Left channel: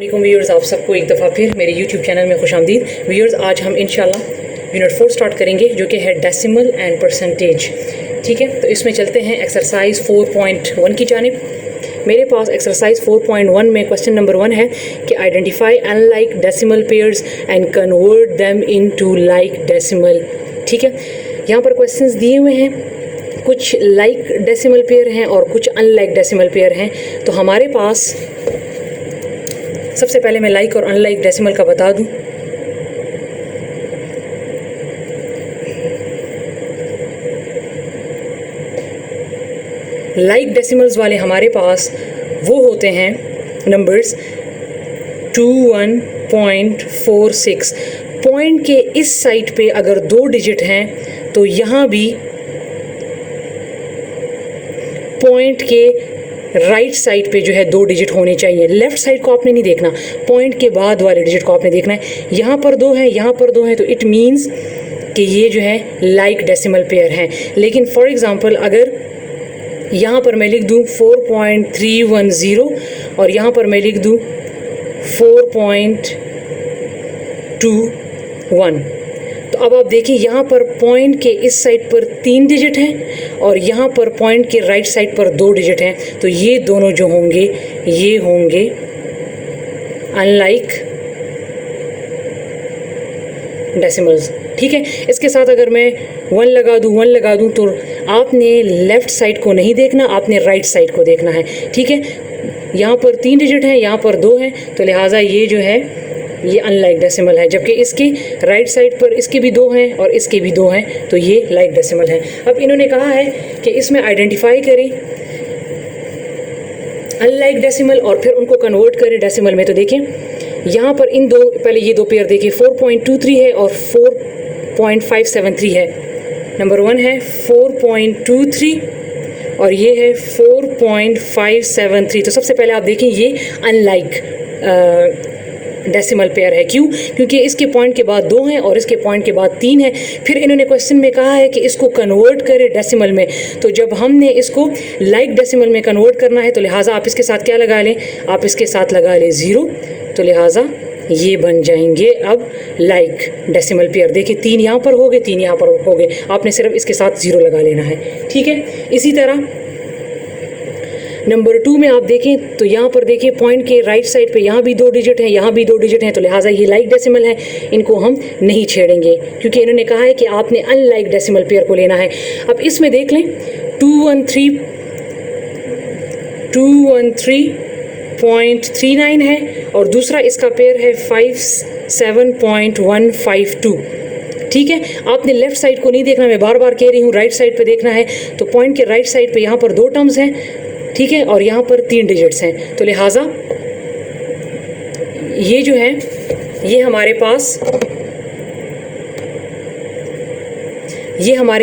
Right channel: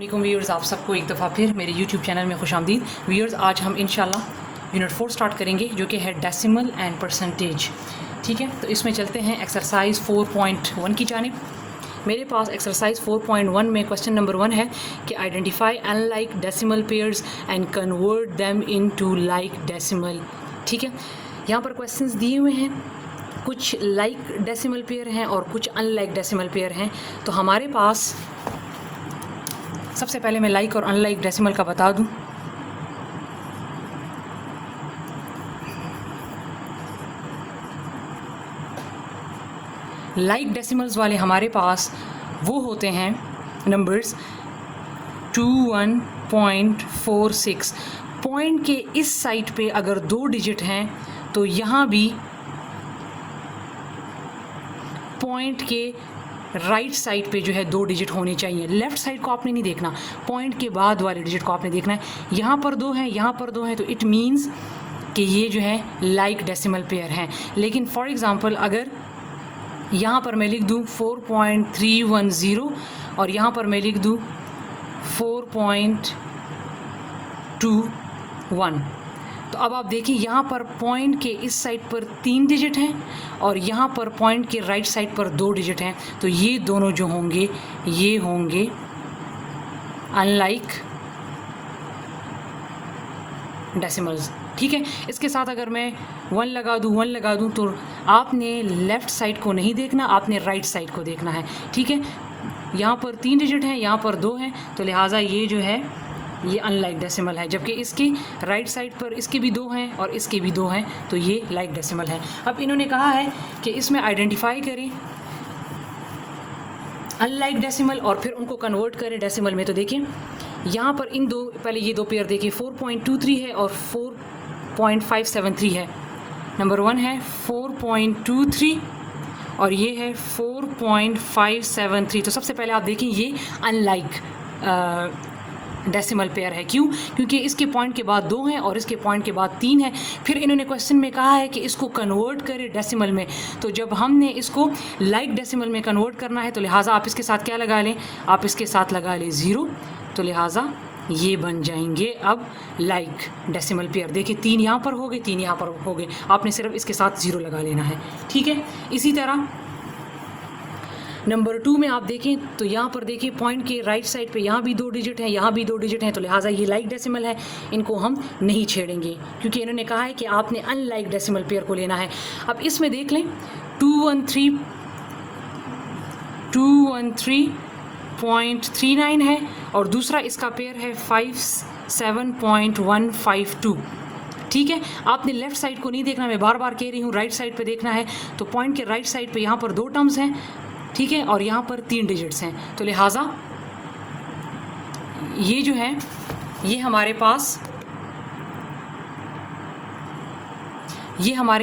वालेकुम व्यूअर्स, आप सबको एक दफ़ा फिर मेरे YouTube चैनल में खुशामदीद। व्यूअर्स, आज हम इंशाल्लाह यूनिट 4 स्टार्ट करेंगे जो कि है डेसिमल एंड परसेंटेज। ठीक है, तो इसमें चलते हैं एक्सरसाइज 4.1 की जानिब। मेरे पास एक्सरसाइज 4.1 में क्वेश्चन नंबर 1 है कि identify unlike decimal pairs and convert them into like decimal. ठीक है, यहाँ पर क्वेश्चंस दिए हुए हैं, कुछ लाइक डेसिमल पेयर हैं और कुछ अनलाइक डेसिमल पेयर हैं। तो हमारे पास सबसे पहले मैं लाइक और अनलाइक डेसिमल का बता दूं। लाइक डेसिमल्स वाले हमारे पास वो होते हैं नंबर्स 21.46। पॉइंट के इस साइड पे अगर 2 डिजिट हैं तो यहाँ भी पॉइंट के राइट साइड पे जो है 2 डिजिट होने चाहिए। लेफ़्ट साइड को आपने नहीं देखना, पॉइंट के बाद वाले डिजिट को आपने देखना है। यहाँ पर 2 हैं, यहाँ पर 2 हैं, तो इट मीन्स कि ये जो है लाइक डेसिमल पेयर हैं। लेकिन फॉर एग्ज़ाम्पल अगर यहाँ पर मैं लिख दूँ 4.310 और यहाँ पर मैं लिख दूँ 4.21, तो अब आप देखिए यहाँ पर पॉइंट के इस साइड पर 3 डिजिट हैं और यहाँ पर पॉइंट के राइट साइड पर 2 डिजिट हैं। तो ये दोनों जो होंगे ये होंगे अनलाइक डेसिमल्स। ठीक है, इसके साथ अगर मैं 1 लगा दूँ तो आपने लेफ़्ट साइड को नहीं देखना, आपने राइट साइड को देखना है। ठीक है, यहाँ पर 3 डिजिट हैं, यहाँ पर 2 हैं, तो लिहाजा ये जो है ये अनलाइक डेसिमल है। जबकि इसके राइट साइड पर इसके भी 2 हैं और इसके भी 2 हैं, तो ये लाइक डेसिमल है। अब इन्होंने कहा है कि इसमें आइडेंटिफाई करें अनलाइक डेसिमल और फिर उनको कन्वर्ट करें डेसिमल में। तो देखें यहाँ पर इन दो, पहले ये 2 पेयर देखिए, 4.23 है और 4.573 है। नंबर 1 है 4.23 और ये है 4.573। तो सबसे पहले आप देखें ये अनलाइक डेसिमल पेयर है। क्यों? क्योंकि इसके पॉइंट के बाद 2 हैं और इसके पॉइंट के बाद 3 है। फिर इन्होंने क्वेश्चन में कहा है कि इसको कन्वर्ट करें डेसिमल में। तो जब हमने इसको लाइक डेसिमल में कन्वर्ट करना है तो लिहाजा आप इसके साथ क्या लगा लें, आप इसके साथ लगा लें 0। तो लिहाजा ये बन जाएंगे अब लाइक डेसिमल पेयर। देखिए 3 यहाँ पर हो गए, 3 यहाँ पर हो गए, आपने सिर्फ इसके साथ 0 लगा लेना है। ठीक है, इसी तरह नंबर 2 में आप देखें तो यहाँ पर देखिए पॉइंट के राइट साइड पे यहाँ भी 2 डिजिट हैं, यहाँ भी 2 डिजिट हैं, तो लिहाजा ये लाइक डेसिमल है, इनको हम नहीं छेड़ेंगे क्योंकि इन्होंने कहा है कि आपने अनलाइक डेसिमल पेयर को लेना है। अब इसमें देख लें 213.39 है और दूसरा इसका पेयर है 57.152। ठीक है, आपने लेफ़्ट साइड को नहीं देखना, मैं बार बार कह रही हूँ, राइट साइड पे देखना है। तो पॉइंट के राइट साइड पे यहाँ पर 2 टर्म्स हैं, ठीक है, और यहाँ पर 3 डिजिट्स हैं। तो लिहाजा ये जो है ये हमारे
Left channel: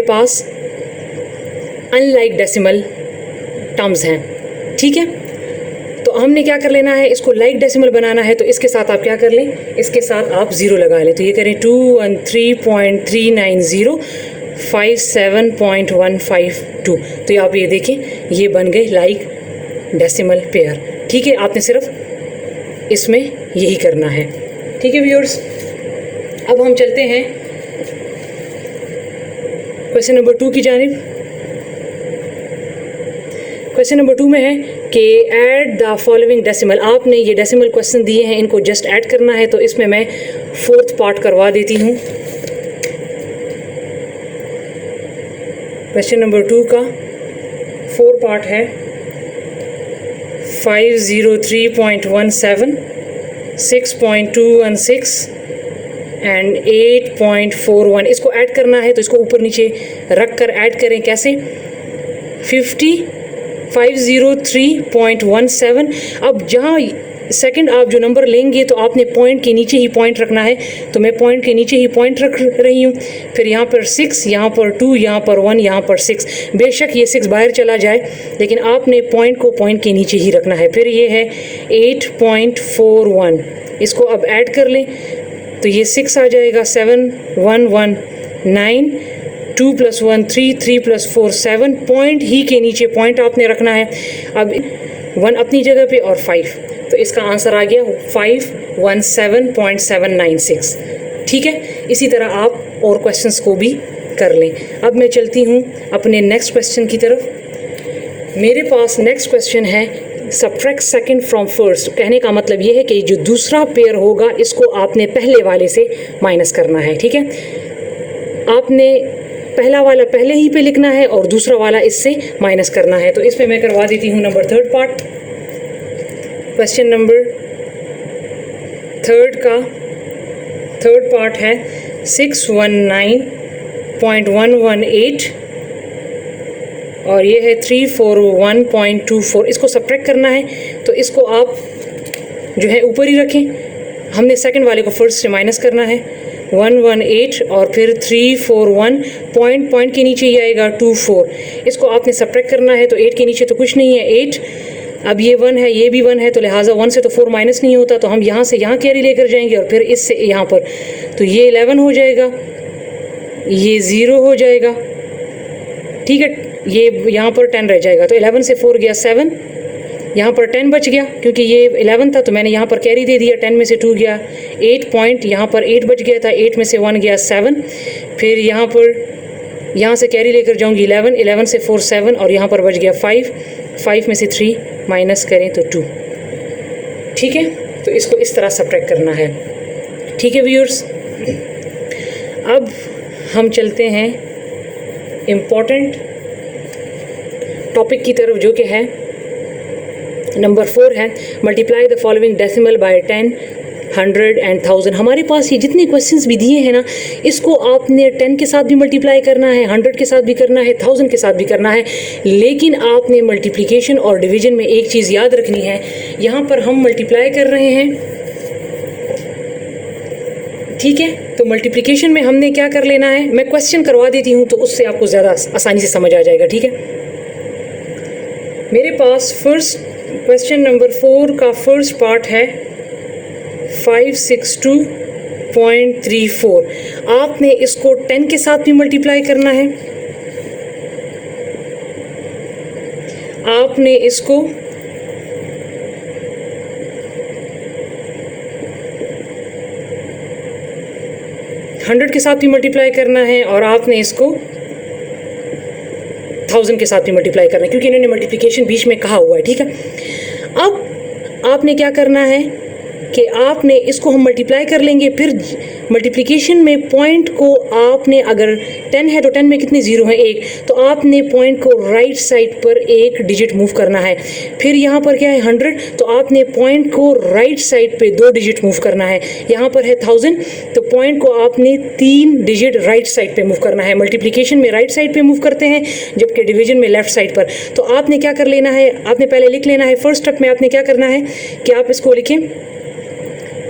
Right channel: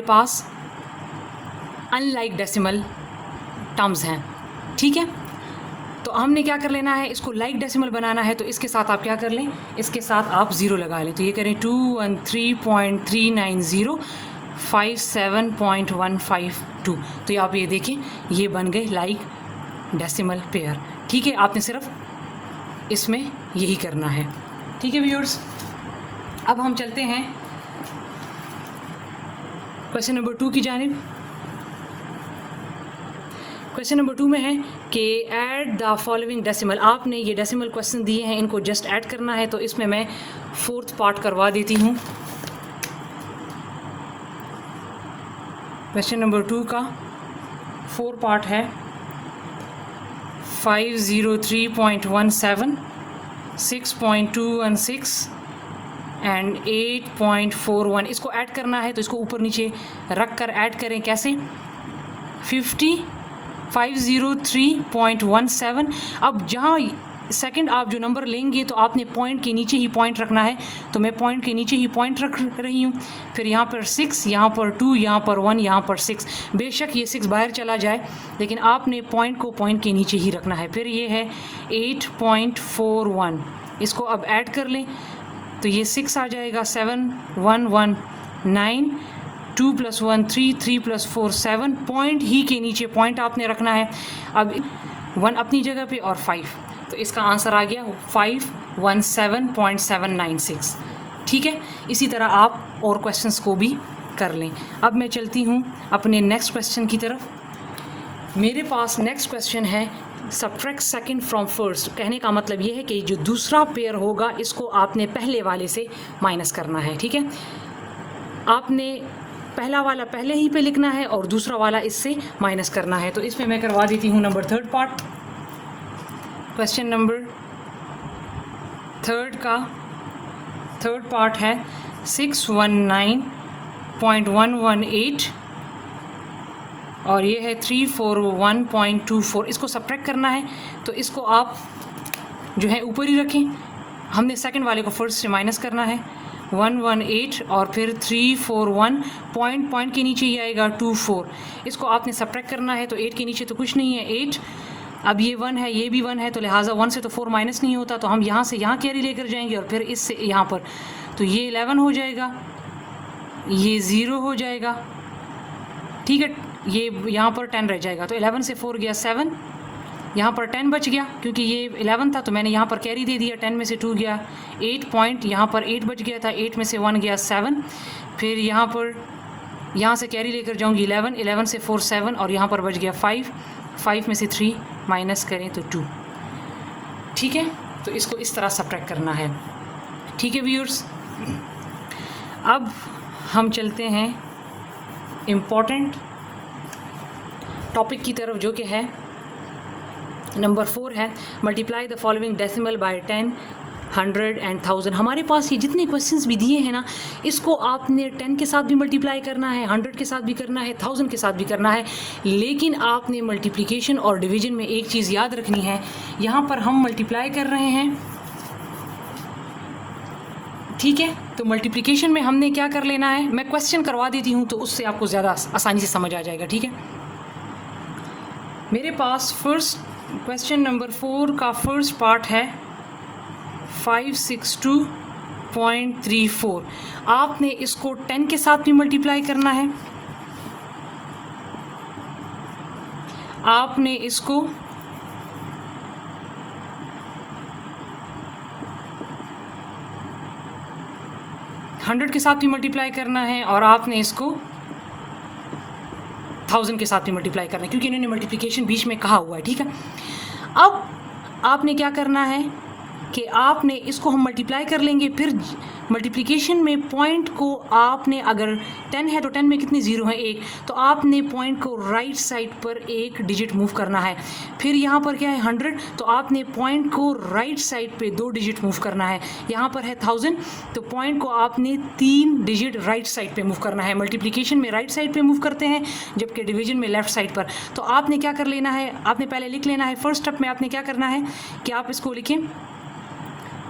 पास अनलाइक डेसिमल टर्म्स हैं। ठीक है, तो हमने क्या कर लेना है, इसको लाइक डेसिमल बनाना है। तो इसके साथ आप क्या कर लें, इसके साथ आप 0 लगा लें। तो ये करें 213.390 57.152। तो आप ये देखें ये बन गए लाइक डेसिमल पेयर। ठीक है, आपने सिर्फ इसमें यही करना है। ठीक है व्यूअर्स, अब हम चलते हैं क्वेश्चन नंबर 2 की जानिब। क्वेश्चन नंबर 2 में है कि ऐड द फॉलोइंग डेसिमल। आपने ये डेसिमल क्वेश्चन दिए हैं, इनको जस्ट ऐड करना है। तो इसमें मैं 4th पार्ट करवा देती हूँ। क्वेश्चन नंबर 2 का 4 पार्ट है 503.17, 6.216 एंड 8.41। इसको ऐड करना है तो इसको ऊपर नीचे रख कर ऐड करें। कैसे? 503.17। अब जहाँ सेकंड आप जो नंबर लेंगे तो आपने पॉइंट के नीचे ही पॉइंट रखना है। तो मैं पॉइंट के नीचे ही पॉइंट रख रही हूँ। फिर यहाँ पर 6, यहाँ पर 2, यहाँ पर 1, यहाँ पर 6। बेशक ये 6 बाहर चला जाए लेकिन आपने पॉइंट को पॉइंट के नीचे ही रखना है। फिर ये है 8.41, इसको अब ऐड कर लें तो ये 6 आ जाएगा, 7, 1, 1, 9, 2 + 1 3, 3 + 4 7। पॉइंट ही के नीचे पॉइंट आपने रखना है। अब 1 अपनी जगह पे और 5 तो इसका आंसर आ गया 517.796। ठीक है, इसी तरह आप और क्वेश्चंस को भी कर लें। अब मैं चलती हूँ अपने नेक्स्ट क्वेश्चन की तरफ। मेरे पास नेक्स्ट क्वेश्चन है सब्ट्रैक्ट सेकंड फ्रॉम फर्स्ट। कहने का मतलब ये है कि जो दूसरा पेयर होगा इसको आपने पहले वाले से माइनस करना है। ठीक है, आपने पहला वाला पहले ही पे लिखना है और दूसरा वाला इससे माइनस करना है। तो इस पे मैं करवा देती हूँ number third part. Question number third का थर्ड पार्ट है 619.118 और ये है 341.24। इसको सब्ट्रैक्ट करना है तो इसको आप जो है ऊपर ही रखें। हमने सेकंड वाले को फर्स्ट से माइनस करना है 118 और फिर 341 पॉइंट के नीचे ही आएगा 24। इसको आपने सब्ट्रैक्ट करना है तो 8 के नीचे तो कुछ नहीं है 8। अब ये 1 है, ये भी 1 है, तो लिहाजा 1 से तो 4 माइनस नहीं होता, तो हम यहाँ से यहाँ कैरी लेकर जाएंगे और फिर इससे यहाँ पर, तो ये 11 हो जाएगा, ये 0 हो जाएगा। ठीक है, ये यहाँ पर 10 रह जाएगा, तो 11 से 4 गया 7, यहाँ पर 10 बच गया क्योंकि ये 11 था तो मैंने यहाँ पर कैरी दे दिया, 10 में से 2 गया 8 पॉइंट, यहाँ पर 8 बच गया था, 8 में से 1 गया 7, फिर यहाँ पर यहाँ से कैरी लेकर जाऊँगी 11, 11 से 4 7 और यहाँ पर बच गया 5, 5 में से 3 माइनस करें तो 2। ठीक है, तो इसको इस तरह सब्ट्रैक्ट करना है। ठीक है व्यूअर्स, अब हम चलते हैं इम्पॉर्टेंट टॉपिक की तरफ जो कि है नंबर 4 है multiply the following decimal by 10, 100 and 1000। हमारे पास ये जितने क्वेश्चंस भी दिए हैं ना, इसको आपने 10 के साथ भी मल्टीप्लाई करना है, 100 के साथ भी करना है, 1000 के साथ भी करना है, लेकिन आपने मल्टीप्लिकेशन और डिवीजन में एक चीज़ याद रखनी है। यहाँ पर हम मल्टीप्लाई कर रहे हैं, ठीक है, तो मल्टीप्लिकेशन में हमने क्या कर लेना है, मैं क्वेश्चन करवा देती हूँ तो उससे आपको ज़्यादा आसानी से समझ आ जाएगा। ठीक है, मेरे पास फर्स्ट क्वेश्चन नंबर 4 का फर्स्ट पार्ट है 562.34। आपने इसको 10 के साथ भी मल्टीप्लाई करना है, आपने इसको 100 के साथ भी मल्टीप्लाई करना है और आपने इसको 1000 के साथ भी मल्टीप्लाई करना है, क्योंकि इन्होंने मल्टीप्लिकेशन बीच में कहा हुआ है। ठीक है, अब आपने क्या करना है कि आपने इसको हम मल्टीप्लाई कर लेंगे, फिर मल्टीप्लिकेशन में पॉइंट को आपने, अगर 10 है तो 10 में कितने ज़ीरो हैं, 1, तो आपने पॉइंट को राइट साइड पर एक डिजिट मूव करना है। फिर यहाँ पर क्या है 100, तो आपने पॉइंट को राइट साइड पे 2 डिजिट मूव करना है। यहाँ पर है 1000, तो पॉइंट को आपने 3 डिजिट राइट साइड पे मूव करना है। मल्टीप्लिकेशन में राइट साइड पे मूव करते हैं, जबकि डिवीजन में लेफ्ट साइड पर। तो आपने क्या कर लेना है, आपने पहले लिख लेना है, फर्स्ट स्टेप में आपने क्या करना है कि आप इसको लिखें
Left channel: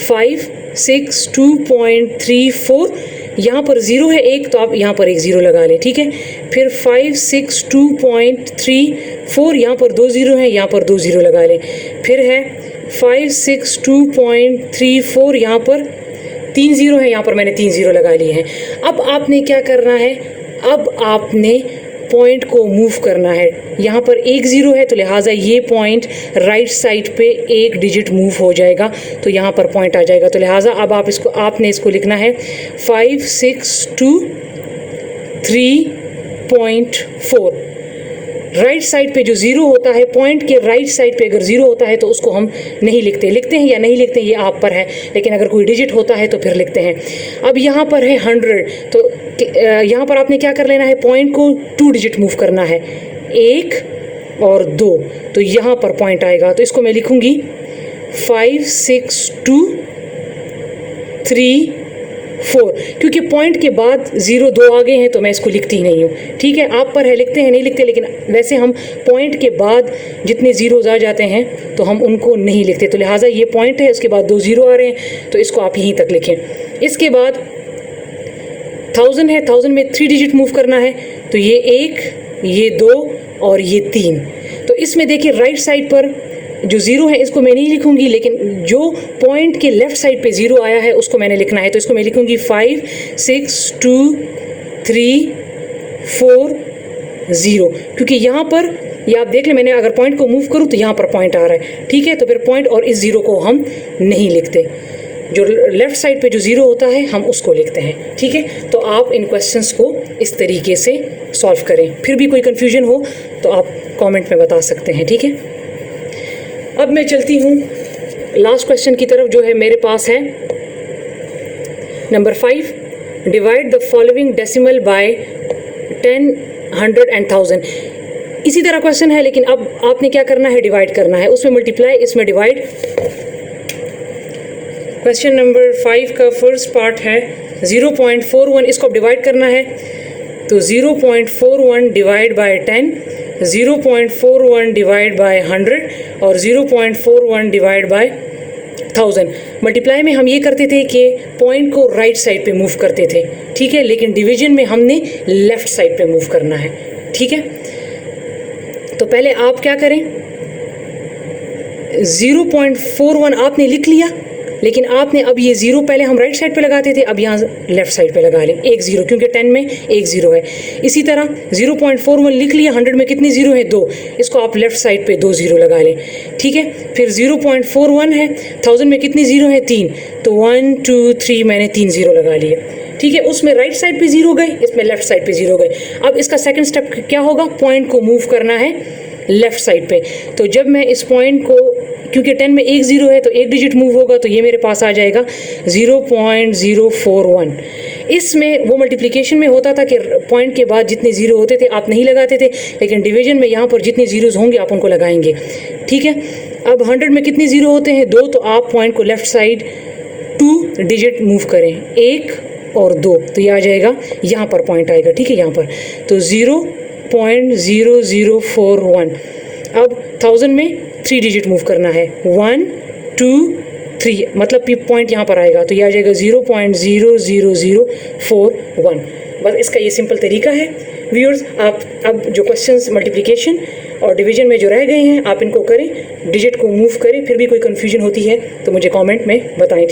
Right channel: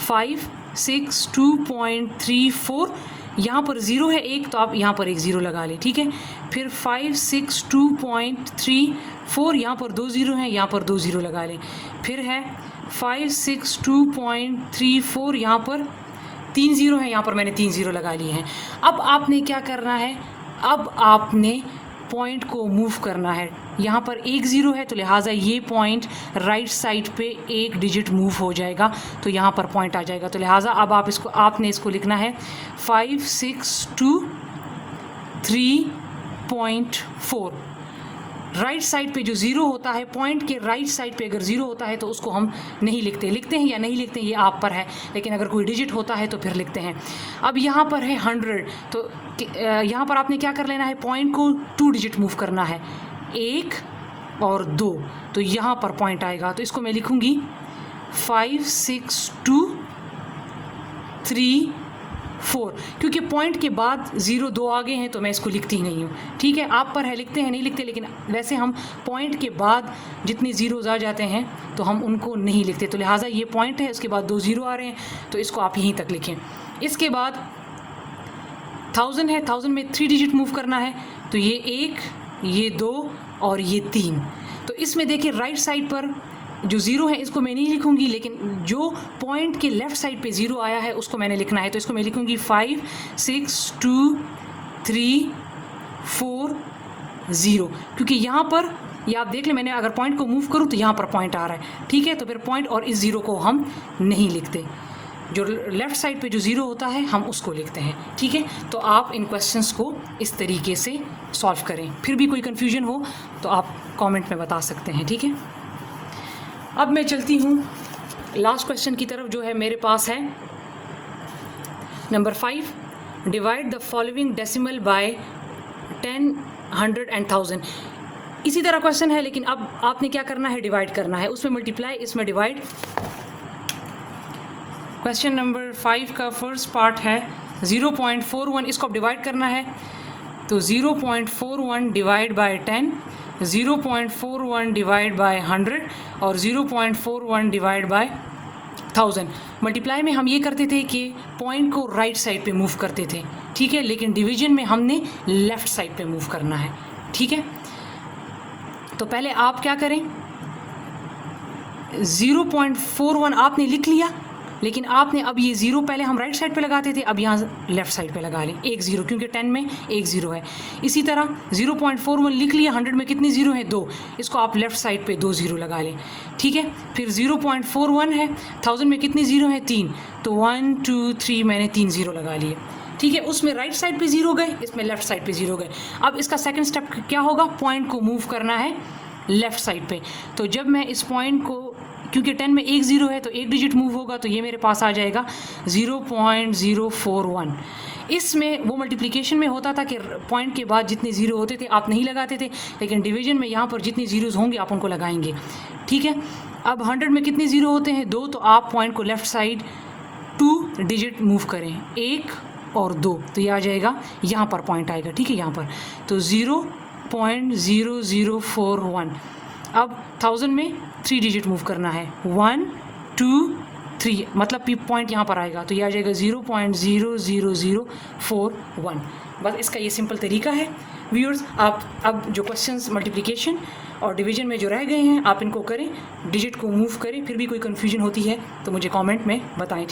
562.34, यहाँ पर 0 है 1, तो आप यहाँ पर एक 0 लगा लें। ठीक है, फिर 562.34, यहाँ पर 2 0 हैं, यहाँ पर 2 0 लगा लें। फिर है 562.34, यहाँ पर 3 0 हैं, यहाँ पर मैंने 3 0 लगा लिए हैं। अब आपने क्या करना है, अब आपने पॉइंट को मूव करना है। यहाँ पर 1 0 है, तो लिहाजा ये पॉइंट राइट साइड पे एक डिजिट मूव हो जाएगा, तो यहाँ पर पॉइंट आ जाएगा। तो लिहाजा अब आप इसको, आपने इसको लिखना है 562.3.4। राइट साइड पे जो 0 होता है, पॉइंट के राइट साइड पे अगर 0 होता है तो उसको हम नहीं लिखते, लिखते हैं या नहीं लिखते हैं ये आप पर है, लेकिन अगर कोई डिजिट होता है तो फिर लिखते हैं। अब यहाँ पर है 100, तो यहाँ पर आपने क्या कर लेना है, पॉइंट को 2 डिजिट मूव करना है, 1 और 2, तो यहाँ पर पॉइंट आएगा। तो इसको मैं लिखूँगी 562.3.4, क्योंकि पॉइंट के बाद 0 2 आ गए हैं तो मैं इसको लिखती ही नहीं हूँ। ठीक है, आप पर है, लिखते हैं नहीं लिखते, लेकिन वैसे हम पॉइंट के बाद जितने ज़ीरोज़ आ जाते हैं तो हम उनको नहीं लिखते। तो लिहाजा ये पॉइंट है, उसके बाद 2 0 आ रहे हैं, तो इसको आप यहीं तक लिखें। इसके बाद 1000 है, 1000 में 3 डिजिट मूव करना है, तो ये 1, ये 2 और ये 3। तो इसमें देखिए राइट साइड पर जो 0 है इसको मैं नहीं लिखूंगी, लेकिन जो पॉइंट के लेफ्ट साइड पे 0 आया है उसको मैंने लिखना है। तो इसको मैं लिखूंगी 562.3.4.0, क्योंकि यहाँ पर ये आप देख लें, मैंने अगर पॉइंट को मूव करूँ तो यहाँ पर पॉइंट आ रहा है, ठीक है। तो फिर पॉइंट और इस ज़ीरो को हम नहीं लिखते, जो लेफ़्ट साइड पे जो ज़ीरो होता है हम उसको लिखते हैं, ठीक है। तो आप इन क्वेश्चंस को इस तरीके से सॉल्व करें। फिर भी कोई कन्फ्यूजन हो तो आप कमेंट में बता सकते हैं, ठीक है। अब मैं चलती हूँ लास्ट क्वेश्चन की तरफ, जो है मेरे पास है number 5, divide the following decimal by 10, 100 and 1000। इसी तरह क्वेश्चन है, लेकिन अब आपने क्या करना है, डिवाइड करना है, उसमें मल्टीप्लाई, इसमें डिवाइड। क्वेश्चन नंबर 5 का फर्स्ट पार्ट है 0.41, इसको अब डिवाइड करना है। तो 0.41 डिवाइड बाय 10, 0.41 डिवाइड बाय 100 और 0.41 डिवाइड बाय 1000। मल्टीप्लाई में हम ये करते थे कि पॉइंट को राइट साइड पे मूव करते थे, ठीक है, लेकिन डिवीजन में हमने लेफ़्ट साइड पे मूव करना है, ठीक है। तो पहले आप क्या करें, 0.41 आपने लिख लिया, लेकिन आपने अब ये ज़ीरो पहले हम राइट साइड पे लगाते थे, अब यहाँ लेफ़्ट साइड पे लगा लें एक ज़ीरो, क्योंकि 10 में एक ज़ीरो है। इसी तरह 0.41 लिख लिया, 100 में कितनी ज़ीरो है, 2, इसको आप लेफ़्ट साइड पे 2 ज़ीरो लगा लें, ठीक है। फिर 0.41 है, 1000 में कितनी ज़ीरो है, 3, तो 1 2 3 मैंने 3 ज़ीरो लगा लिए, ठीक है। उसमें राइट साइड पे ज़ीरो गए, इसमें लेफ़्ट साइड पे ज़ीरो गए। अब इसका सेकंड स्टेप क्या होगा, पॉइंट को मूव करना है लेफ़्ट साइड पे। तो जब मैं इस पॉइंट को, क्योंकि 10 में एक ज़ीरो है तो एक डिजिट मूव होगा, तो ये मेरे पास आ जाएगा 0.041। इसमें वो मल्टीप्लिकेशन में होता था कि पॉइंट के बाद जितने ज़ीरो होते थे आप नहीं लगाते थे, लेकिन डिवीजन में यहाँ पर जितने ज़ीरोज़ होंगे आप उनको लगाएंगे, ठीक है। अब 100 में कितने ज़ीरो होते हैं, 2, तो आप पॉइंट को लेफ़्ट साइड 2 डिजिट मूव करें, 1 और 2, तो ये आ जाएगा, यहाँ पर पॉइंट आएगा, ठीक है, यहाँ पर। तो 0.0041। अब 1000 में 3 डिजिट मूव करना है, 1 2 3, मतलब पॉइंट यहाँ पर आएगा, तो ये आ जाएगा 0.00041। बस इसका ये सिंपल तरीका है व्यूअर्स। आप अब जो क्वेश्चंस मल्टीप्लिकेशन और डिवीजन में जो रह गए हैं आप इनको करें, डिजिट को मूव करें। फिर भी कोई कन्फ्यूजन होती है तो मुझे कमेंट में बताएं।